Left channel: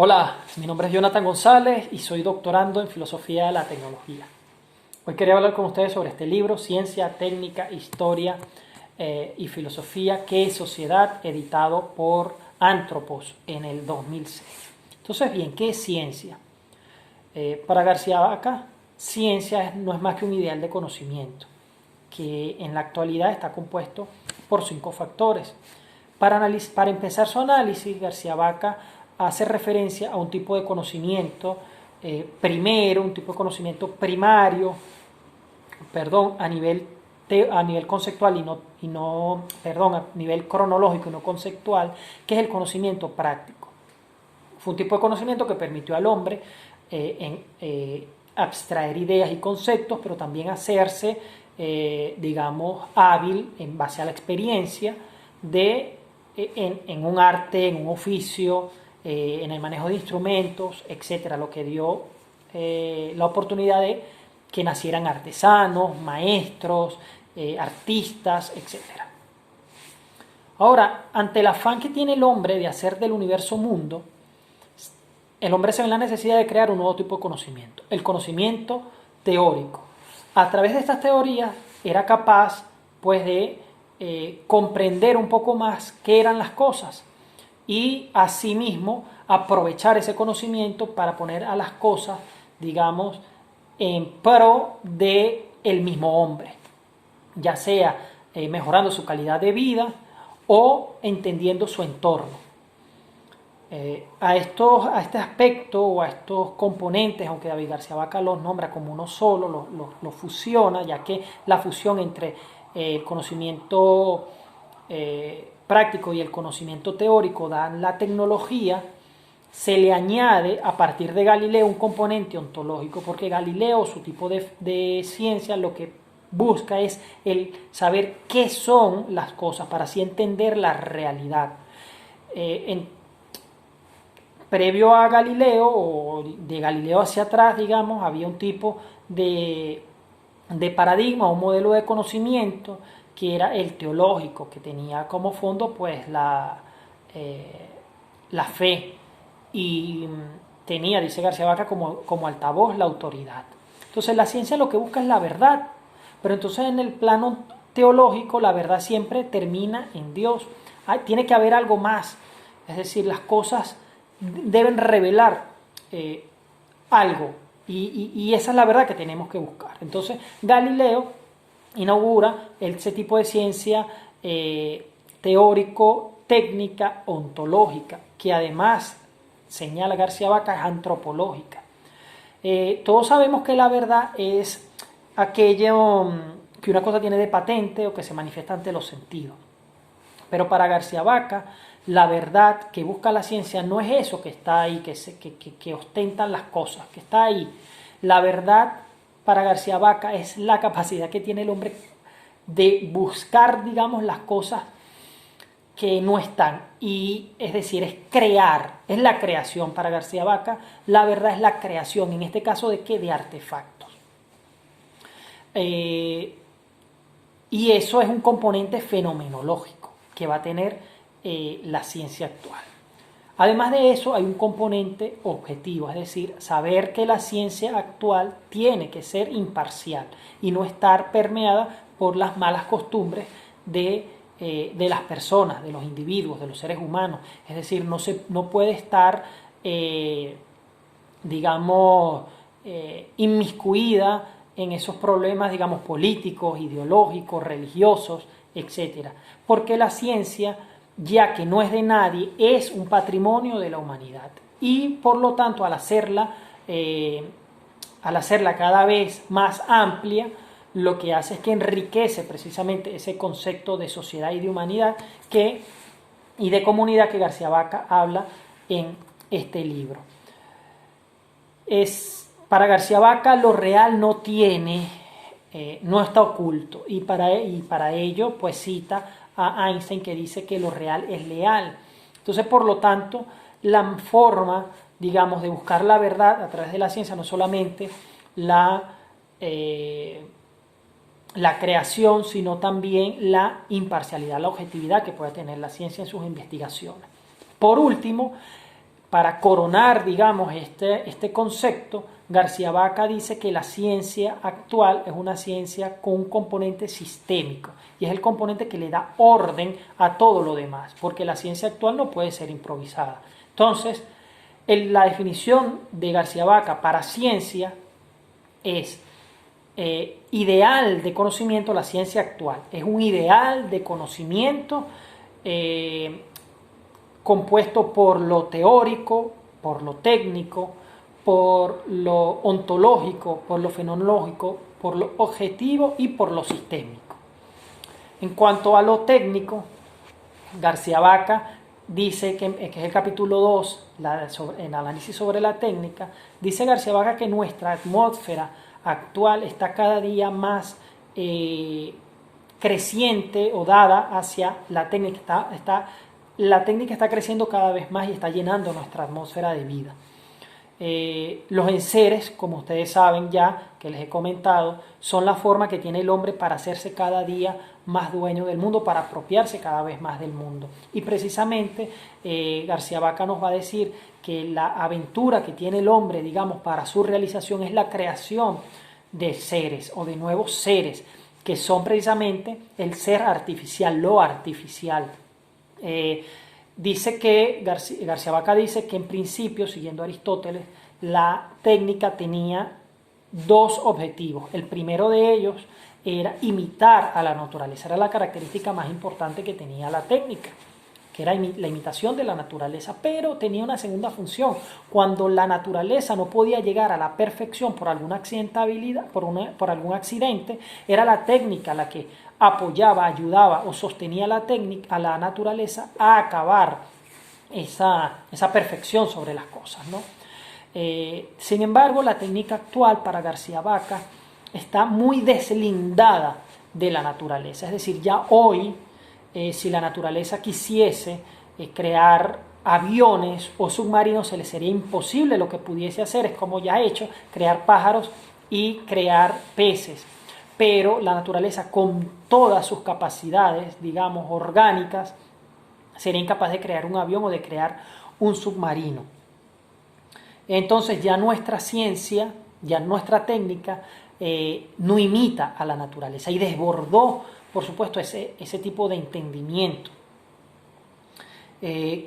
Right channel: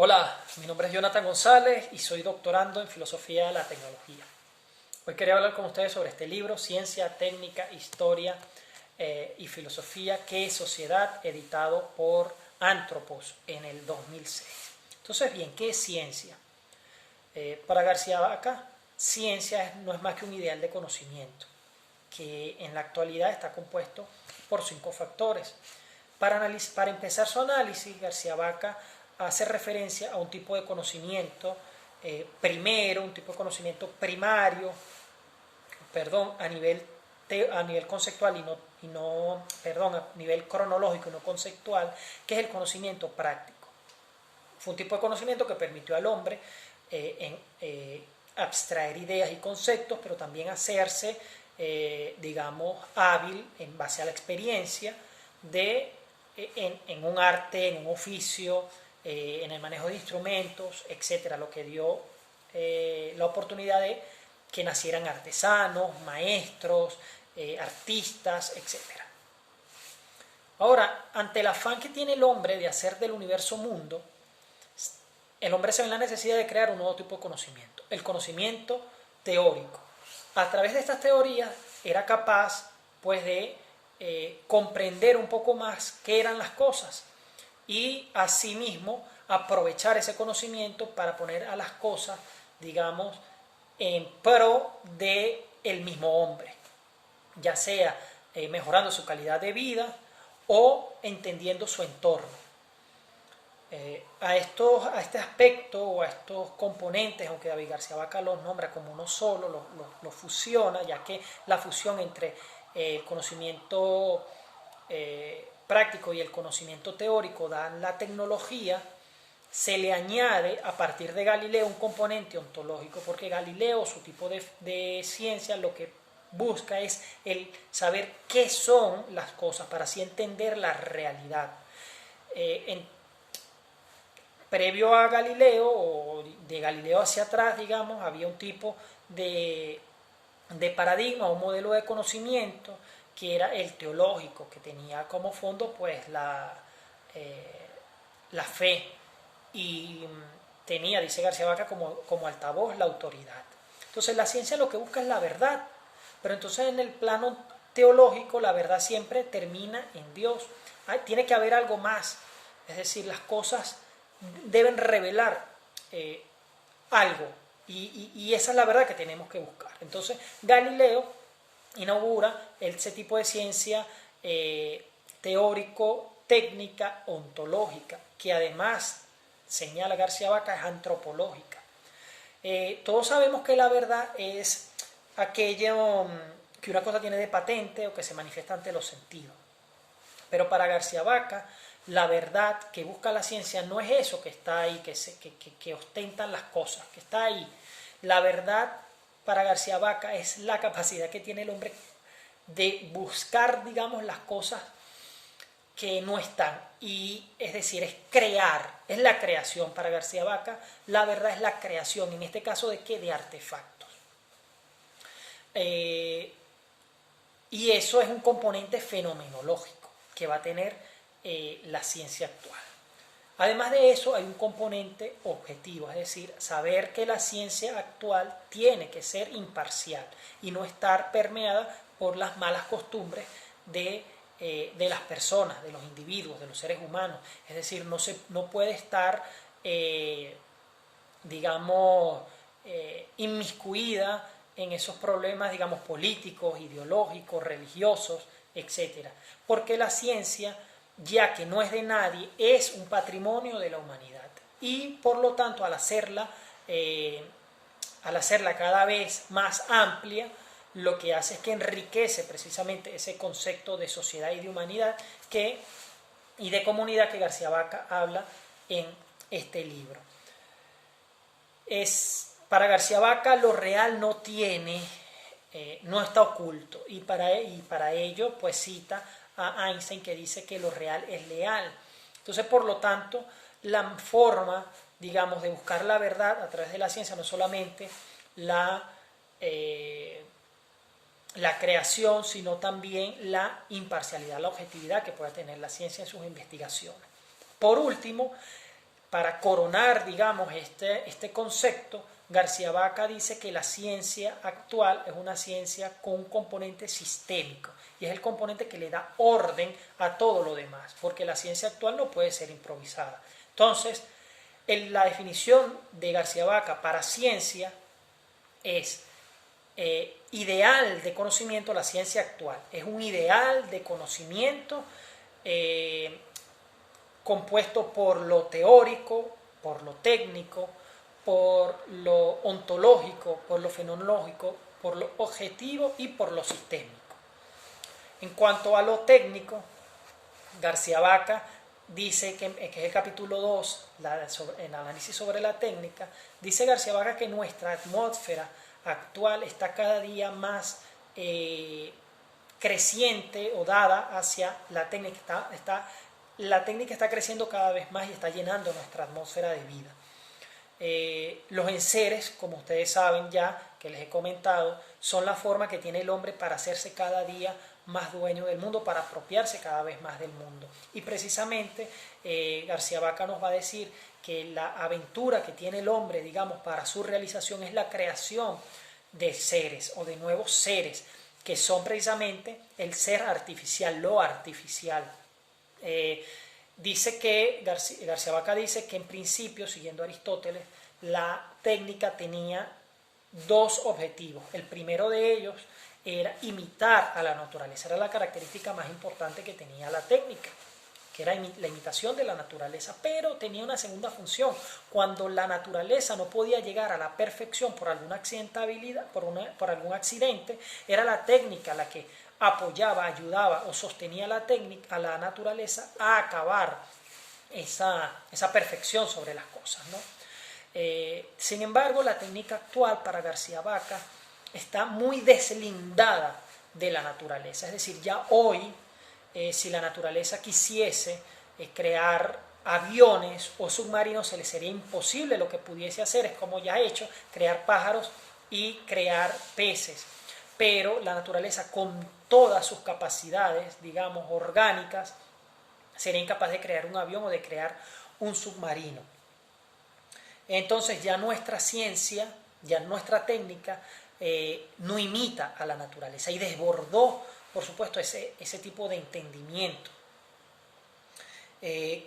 Hola, mi nombre es Jonathan González y soy doctorando en Filosofía de la Tecnología. Hoy quería hablar con ustedes sobre este libro, Ciencia, Técnica, Historia y Filosofía, ¿Qué es sociedad?, editado por Anthropos en el 2006. Entonces, bien, ¿qué es ciencia? Para García Vaca, ciencia no es más que un ideal de conocimiento, que en la actualidad está compuesto por 5 factores. Para empezar su análisis, García Vaca hace referencia a un tipo de conocimiento primero, un tipo de conocimiento primario, a nivel conceptual a nivel cronológico y no conceptual, que es el conocimiento práctico. Fue un tipo de conocimiento que permitió al hombre abstraer ideas y conceptos, pero también hacerse, hábil en base a la experiencia en un arte, en un oficio, en el manejo de instrumentos, etcétera, lo que dio la oportunidad de que nacieran artesanos, maestros, artistas, etcétera. Ahora, ante el afán que tiene el hombre de hacer del universo mundo, el hombre se ve en la necesidad de crear un nuevo tipo de conocimiento, el conocimiento teórico. A través de estas teorías era capaz, pues, de comprender un poco más qué eran las cosas y asimismo aprovechar ese conocimiento para poner a las cosas, digamos, en pro de el mismo hombre, ya sea mejorando su calidad de vida o entendiendo su entorno. A este aspecto o a estos componentes, aunque David García Vaca los nombra como uno solo, los fusiona, ya que la fusión entre el conocimiento práctico y el conocimiento teórico dan la tecnología, se le añade a partir de Galileo un componente ontológico, porque Galileo, su tipo de ciencia, lo que busca es el saber qué son las cosas para así entender la realidad. Previo a Galileo, o de Galileo hacia atrás, digamos, había un tipo de paradigma, un modelo de conocimiento que era el teológico, que tenía como fondo pues la fe y tenía, dice García Vaca, como altavoz la autoridad. Entonces la ciencia lo que busca es la verdad, pero entonces en el plano teológico la verdad siempre termina en Dios. Tiene que haber algo más, es decir, las cosas deben revelar algo, y esa es la verdad que tenemos que buscar. Entonces Galileo inaugura ese tipo de ciencia teórico, técnica, ontológica, que además, señala García Vaca, es antropológica. Todos sabemos que la verdad es aquello que una cosa tiene de patente o que se manifiesta ante los sentidos. Pero para García Vaca, la verdad que busca la ciencia no es eso que está ahí, que ostentan las cosas, que está ahí. La verdad para García Vaca es la capacidad que tiene el hombre de buscar, digamos, las cosas que no están. Y es decir, es crear, es la creación. Para García Vaca, la verdad es la creación, en este caso de qué, de artefactos. Y eso es un componente fenomenológico que va a tener la ciencia actual. Además de eso, hay un componente objetivo, es decir, saber que la ciencia actual tiene que ser imparcial y no estar permeada por las malas costumbres de las personas, de los individuos, de los seres humanos. Es decir, no puede estar, inmiscuida en esos problemas, digamos, políticos, ideológicos, religiosos, etc. Porque la ciencia, ya que no es de nadie, es un patrimonio de la humanidad. Y por lo tanto, al hacerla cada vez más amplia, lo que hace es que enriquece precisamente ese concepto de sociedad y de humanidad y de comunidad que García Vaca habla en este libro. Para García Vaca lo real no está oculto, y para ello pues cita a Einstein, que dice que lo real es leal. Entonces, por lo tanto, la forma, digamos, de buscar la verdad a través de la ciencia no solamente la creación, sino también la imparcialidad, la objetividad que puede tener la ciencia en sus investigaciones. Por último, para coronar, digamos, este concepto, García Vaca dice que la ciencia actual es una ciencia con un componente sistémico y es el componente que le da orden a todo lo demás, porque la ciencia actual no puede ser improvisada. Entonces, la definición de García Vaca para ciencia es ideal de conocimiento. La ciencia actual es un ideal de conocimiento compuesto por lo teórico, por lo técnico, por lo ontológico, por lo fenomenológico, por lo objetivo y por lo sistémico. En cuanto a lo técnico, García Vaca dice que es el capítulo 2, el análisis sobre la técnica, dice García Vaca que nuestra atmósfera actual está cada día más creciente o dada hacia la técnica. La técnica está creciendo cada vez más y está llenando nuestra atmósfera de vida. Los enseres, como ustedes saben ya, que les he comentado, son la forma que tiene el hombre para hacerse cada día más dueño del mundo, para apropiarse cada vez más del mundo. Y precisamente García Vaca nos va a decir que la aventura que tiene el hombre, digamos, para su realización es la creación de seres o de nuevos seres, que son precisamente el ser artificial, lo artificial. García Vaca dice que en principio, siguiendo Aristóteles, la técnica tenía dos objetivos. El primero de ellos era imitar a la naturaleza, era la característica más importante que tenía la técnica, que era la imitación de la naturaleza, pero tenía una segunda función. Cuando la naturaleza no podía llegar a la perfección por alguna accidentabilidad, por algún accidente, era la técnica la que apoyaba, ayudaba o sostenía a la naturaleza a acabar esa perfección sobre las cosas, ¿no? Sin embargo, la técnica actual para García Vaca está muy deslindada de la naturaleza. Es decir, ya hoy, si la naturaleza quisiese crear aviones o submarinos, se le sería imposible. Lo que pudiese hacer es, como ya ha hecho, crear pájaros y crear peces. Pero la naturaleza, con todas sus capacidades, digamos, orgánicas, sería incapaz de crear un avión o de crear un submarino. Entonces ya nuestra ciencia, ya nuestra técnica, no imita a la naturaleza y desbordó, por supuesto, ese tipo de entendimiento.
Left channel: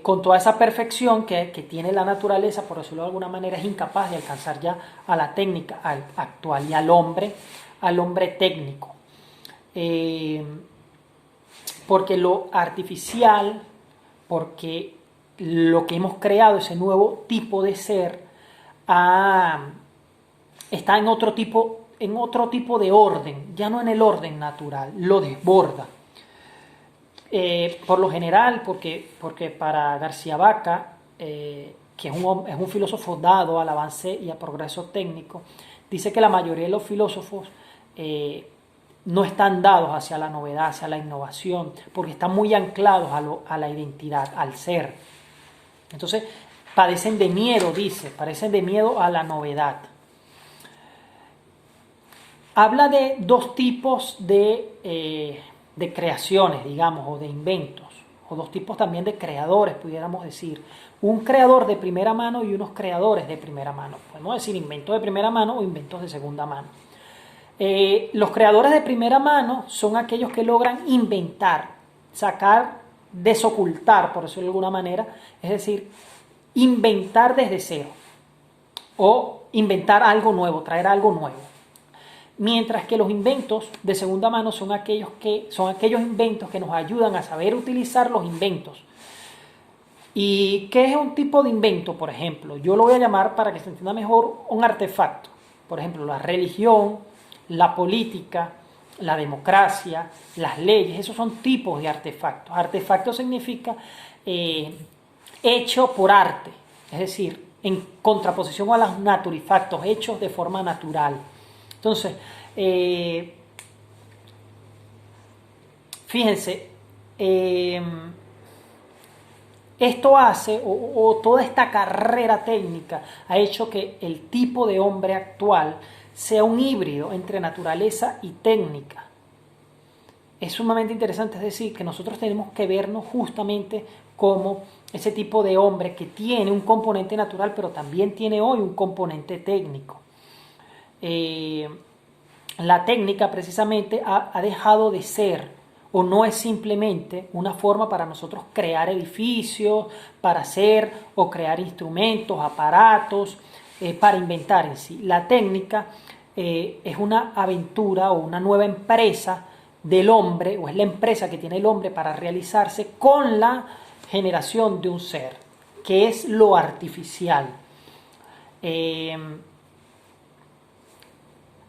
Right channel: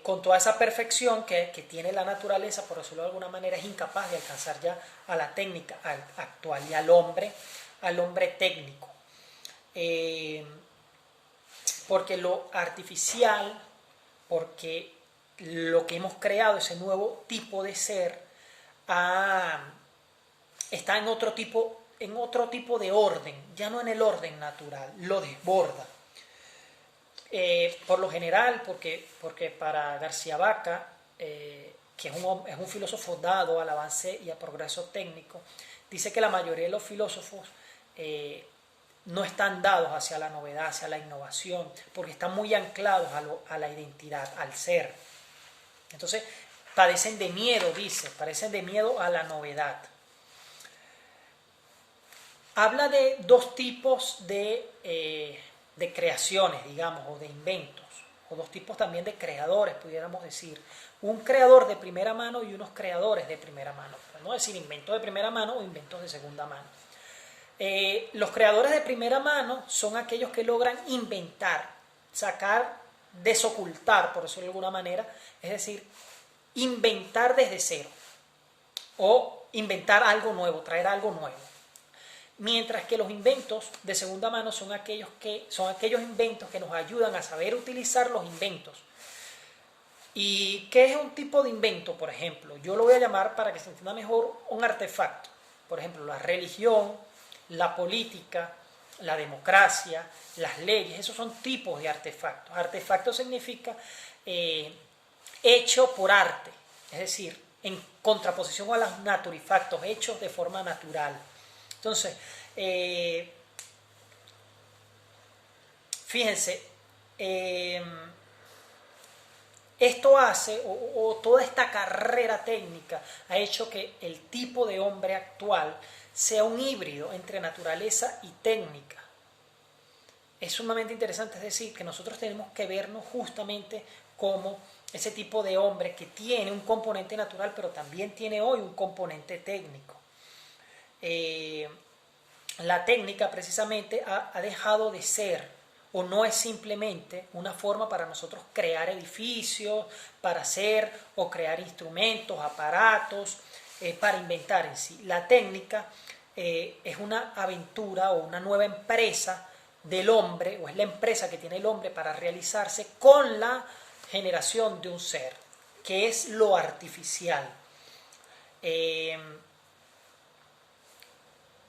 Con toda esa perfección que tiene la naturaleza, por decirlo de alguna manera, es incapaz de alcanzar ya a la técnica actual y al hombre técnico. Porque lo artificial, porque lo que hemos creado, ese nuevo tipo de ser, está en otro tipo de orden, ya no en el orden natural, lo desborda. Por lo general, porque para García Vaca, que es un filósofo dado al avance y al progreso técnico, dice que la mayoría de los filósofos no están dados hacia la novedad, hacia la innovación, porque están muy anclados a la identidad, al ser. Entonces, padecen de miedo a la novedad. Habla de dos tipos de creaciones, digamos, o de inventos, o dos tipos también de creadores, pudiéramos decir. Un creador de primera mano y unos creadores de primera mano. Podemos decir inventos de primera mano o inventos de segunda mano. Los creadores de primera mano son aquellos que logran inventar, desocultar, por decirlo de alguna manera, es decir, inventar desde cero o inventar algo nuevo, traer algo nuevo. Mientras que los inventos de segunda mano son aquellos inventos que nos ayudan a saber utilizar los inventos. ¿Y qué es un tipo de invento, por ejemplo? Yo lo voy a llamar, para que se entienda mejor, un artefacto. Por ejemplo, la religión, la política, la democracia, las leyes, esos son tipos de artefactos. Artefacto significa hecho por arte, es decir, en contraposición a los naturifactos, hechos de forma natural. Entonces, fíjense, esto hace, o toda esta carrera técnica ha hecho que el tipo de hombre actual sea un híbrido entre naturaleza y técnica. Es sumamente interesante, es decir, que nosotros tenemos que vernos justamente como ese tipo de hombre que tiene un componente natural, pero también tiene hoy un componente técnico. La técnica precisamente ha dejado de ser o no es simplemente una forma para nosotros crear edificios, para hacer o crear instrumentos, aparatos, para inventar en sí. La técnica es una aventura o una nueva empresa del hombre, o es la empresa que tiene el hombre para realizarse con la generación de un ser, que es lo artificial.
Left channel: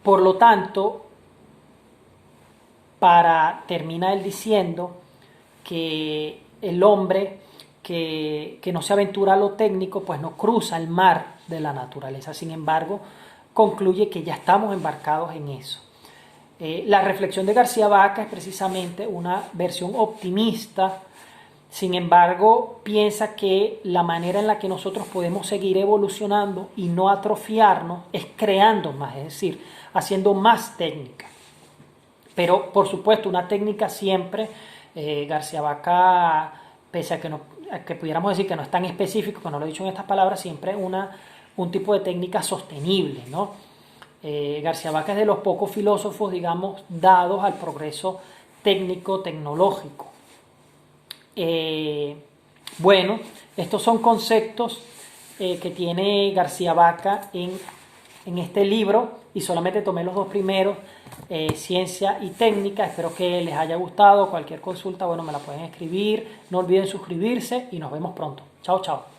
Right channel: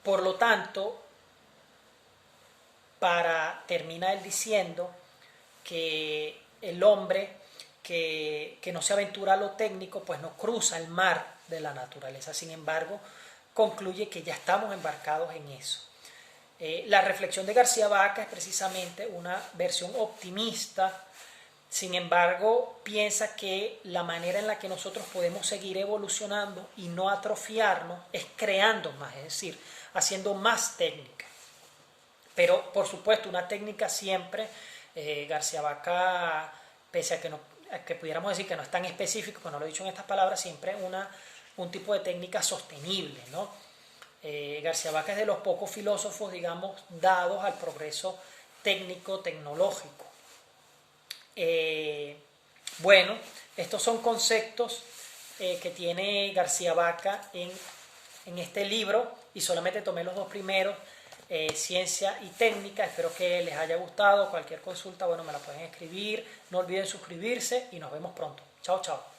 Por lo tanto, para terminar él diciendo que el hombre que no se aventura a lo técnico, pues no cruza el mar de la naturaleza. Sin embargo, concluye que ya estamos embarcados en eso. La reflexión de García Vaca es precisamente una versión optimista. Sin embargo, piensa que la manera en la que nosotros podemos seguir evolucionando y no atrofiarnos es creando más, es decir, haciendo más técnica. Pero, por supuesto, una técnica siempre, García Vaca, pese a que pudiéramos decir que no es tan específico, que no lo he dicho en estas palabras, siempre un tipo de técnica sostenible, ¿no? García Vaca es de los pocos filósofos, digamos, dados al progreso técnico, tecnológico. Bueno, estos son conceptos que tiene García Vaca en este libro, y solamente tomé los dos primeros, ciencia y técnica. Espero que les haya gustado. Cualquier consulta, bueno, me la pueden escribir. No olviden suscribirse y nos vemos pronto. Chao, chao.